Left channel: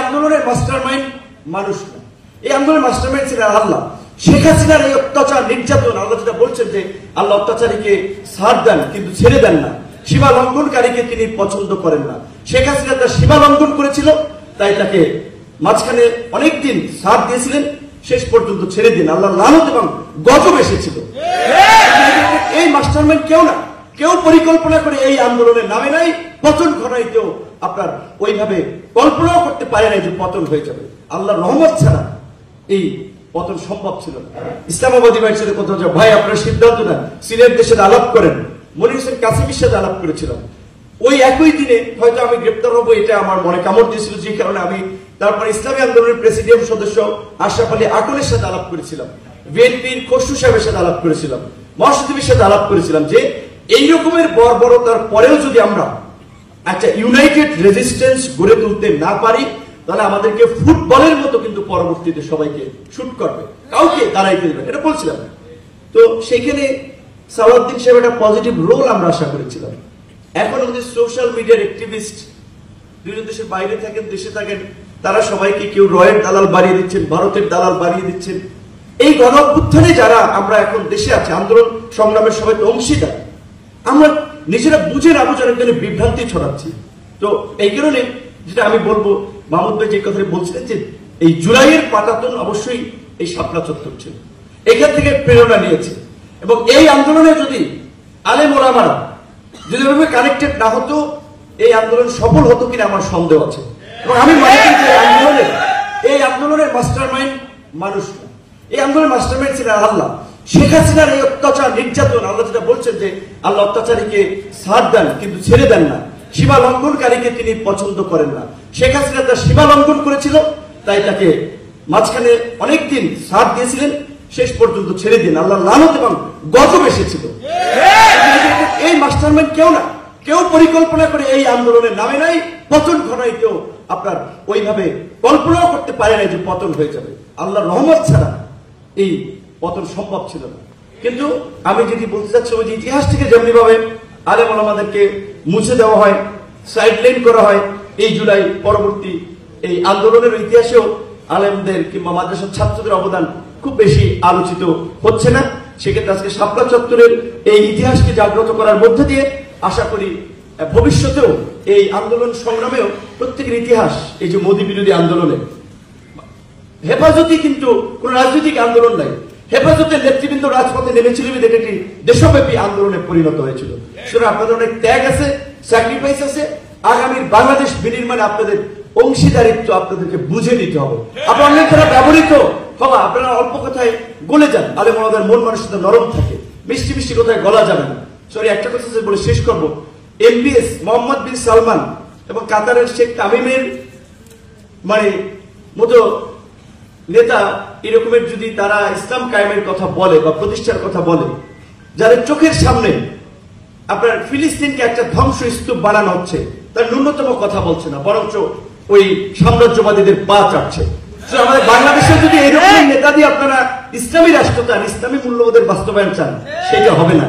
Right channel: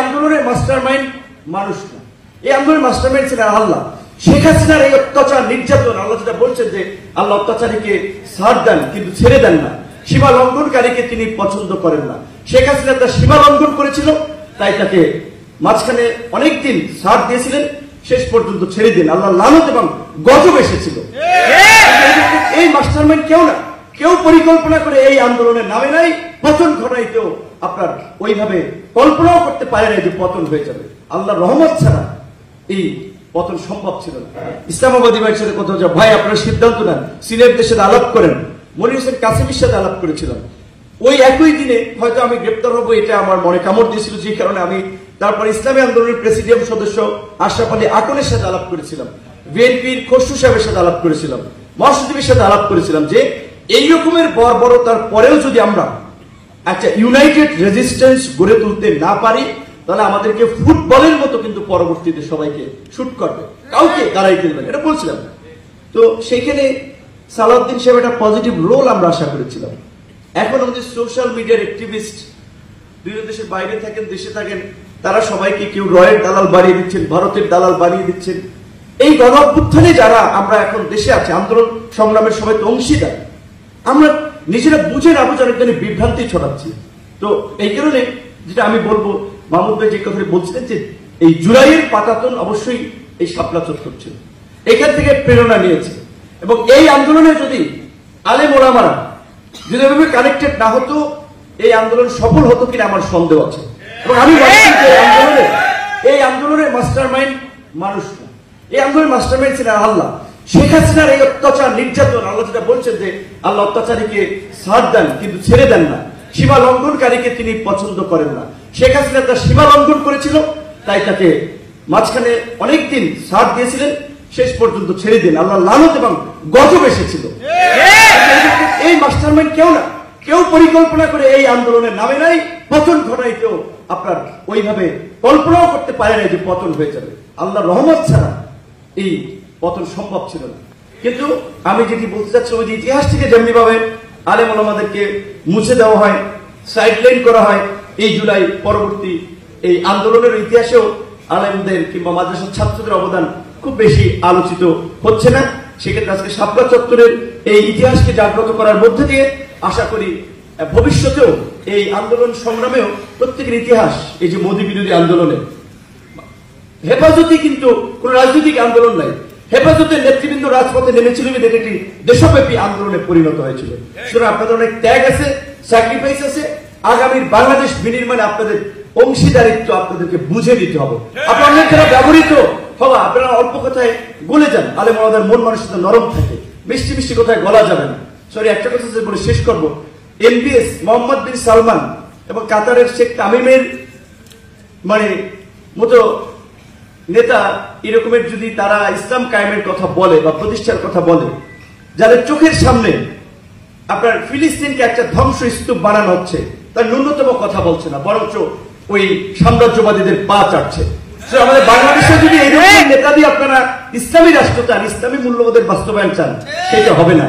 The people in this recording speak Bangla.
আন্দোলনের মাস্টারমাইন্ড মানুষ না, এই আন্দোলনের মাস্টারমাইন্ড ছিলেন আল্লাহ। শেখ হাসিনার এই অত্যাচার নির্যাতন, আল্লাহ যেটা বলছেন যে আল্লাহ অত্যাচারীকে ছাড় দেন কিন্তু ছেড়ে দেন না, সীমা লঙ্ঘনকারীকে তিনি পছন্দ করেন না। শেখ হাসিনা তার সীমা লঙ্ঘন করেছিল, তাই তাকে মাঝখানে অনেকদিন ছাড় দিয়েছিলেন, শেষ পর্যন্ত ছেড়ে দিন। আল্লাহ লানত এবং গজব এসেছিল। এই মাস্টারমাইন্ড কেউ না, কেউ পরিকল্পনা করে এই আন্দোলনের নামে নাই, পতন ঘটাই কেউ আপনার ওইভাবে কল্পনাও করতে পারে না যে পতন হয়ে যাবে। আল্লাহ রহমত ছাড়া এই পতন সম্ভব ছিল না। ইসলামাবাদী ভাইয়ের সাথে কথা হচ্ছে, ভাই আপনারা সিদ্ধান্ত নেন, সিলেটের সাথে আলাপ করেন। মনির হোসেন কাসেমের সাথে আলাপ করেছিলাম, ওই একই দিনে হয়তো আমি গ্রেপ্তার হবো, এটা আমার মনে কামড় দিয়েছিল, যে কারণে আমি তারপর ইসলামী আন্দোলনের প্রেসিডিয়াম সদস্য আশরাফ আলী আকনের সাথে আলাপ করেছিলাম, বিএনপির খসরু সাহেবের সাথে আলাপ করেছিলাম, মহাসচিবের সাথে আলাপ করেছিলাম যে এই রকমের বর্বরতার পরেও যদি আমরা একটা ইউনাইটেড রেজিস্ট্যান্স গড়ে তুলতে না পারি, তাহলে আমাদেরকে ফুটবলের মতো কিন্তু পরবর্তীতে সবাইকে শুট করবে, কাউকে তারাই ফেলবে, এটা বলছিলাম। তো সেখানে সালাউদ্দিন সাহেব একটা পজিটিভ রোল আমরা আশা করেছিলাম। এখন আমাদের সোশ্যাল মিডিয়ার অ্যাক্টিভিস্ট বিভিন্ন দেশের বাইরে থাকেন, দেশে থাকেন, তারা সবাইকে কেউ রয়ের দালাল বাড়িয়ে দিচ্ছেন, ভারতের দালাল বাড়িয়ে দিচ্ছেন। এই গণঅভ্যুত্থানে যারা আমরা এখন দেশে আছে, আন্দোলন সংগ্রামের সময় তো অংশীদার, আমরা নিজেরা বুঝে না বুঝে অনেক বিভ্রান্তি ছড়াচ্ছি। তো এই কারণে যেটা আমি বলবো, মাহমুদ ভাই যে কথা বলছিলেন যে এই জুলাইয়ের পাতাতন অবশ্যই এই শাপলা চত্বর ছিল, এখান থেকে প্রেরণা নিয়েছে। এবং এই আন্দোলনে যদি আলেম ওলামারা যদি এভাবে কানেক্টেড না হতো, এই আন্দোলন সফল হতো কিনা আমার সন্দেহ আছে। এবং আমি এই আন্দোলনের মাস্টারমাইন্ড মানুষ না, এই আন্দোলনের মাস্টারমাইন্ড ছিলেন আল্লাহ। শেখ হাসিনার এই অত্যাচার নির্যাতন, আল্লাহ যেটা বলছেন যে আল্লাহ অত্যাচারীকে ছাড় দেন কিন্তু ছেড়ে দেন না, সীমা লঙ্ঘনকারীকে তিনি পছন্দ করেন না। শেখ হাসিনা তার সীমা লঙ্ঘন করেছিল, তাই তাকে মাঝখানে অনেকদিন ছাড় দিয়েছিলেন, শেষ পর্যন্ত ছেড়ে দিন। আল্লাহ লানত এবং গজব এসেছিল। এই মাস্টারমাইন্ড কেউ না, কেউ পরিকল্পনা করে এই আন্দোলনের নামে নাই, পতন ঘটাই কেউ আপনার ওইভাবে কল্পনাও করতে পারে না যে পতন হয়ে যাবে। আল্লাহ রহমত ছাড়া এই পতন সম্ভব ছিল না। কিন্তু আমি যেটি বলতে চাচ্ছি, ওই ইতিহাস থেকে যেমনি ভাবে আলেম ওলামাদেরকে মুছে দেওয়া হয়, সাইডলাইন করা হয়, এই জুলাই পরবর্তী এই আন্দোলনের ইতিহাসেও আলেমদের কিংবা মাদ্রাসার ছাত্রদের অবদান খুব বেশি আলোচিত হচ্ছে না। সেক্ষেত্রে আজকে শাপলা চত্বরের এই ইতিহাসকে জাগ্রত করার মধ্যে দিয়ে আশা করি ভবিষ্যতেও এই আন্দোলন সংগ্রামেও প্রত্যেকের ইতিহাস, এই যে মোদী বিরোধী আন্দোলনে হেফাজতি কিন্তু কোন রাজনৈতিক আন্দোলন নাই, হেফাজতের নেতৃবৃন্দ রাজপথে নেমেছিল, এটি একটি দেশব্যাপী আন্দোলনে পরিণত হয়েছিল। সুতরাং আপনাদের অনেক ত্যাগ আছে, স্যাক্রিফাইস আছে। আগামীর বাংলাদেশ বিনির্মাণে আপনাদের অংশীদারিত্ব আপনাদেরকে বুঝে দিতে হবে। আপনারা অনেক যারা ব্যবহৃত হবা, আপনারা অল্প কথায় গলে যান, আলেম আমাদের মন মানসিকতা নরম থাকে, মিষ্টি মিষ্টি কথায় গলা যাবে না। সরি, একটা কথা বলে শেষ করবো। এমবিএস মোহাম্মদ বিন সালমান এবং কাতারের শেখ তামিমের মতো নেতা এরকমের যদি তারা ইসলাম কায়েমের কথা বলে বা প্রতিষ্ঠার কথা বলে, যাদের চোখের সামনে আপনার ফিলিস্তিনকে একটা ধ্বংস স্তূপ বানানো হচ্ছে, তার ন্যূনতম কথা বলছে না, বরঞ্চ ওই সাম্রাজ্যবাদীদের পা চাটছে। আমাদের বাংলাদেশে যদি এরকম নেতা দিয়ে আপনারা ইসলামী রাষ্ট্র চান, ইসলামী মূল্যবোধের বাস্তবায়ন চান, সেটা হবে না।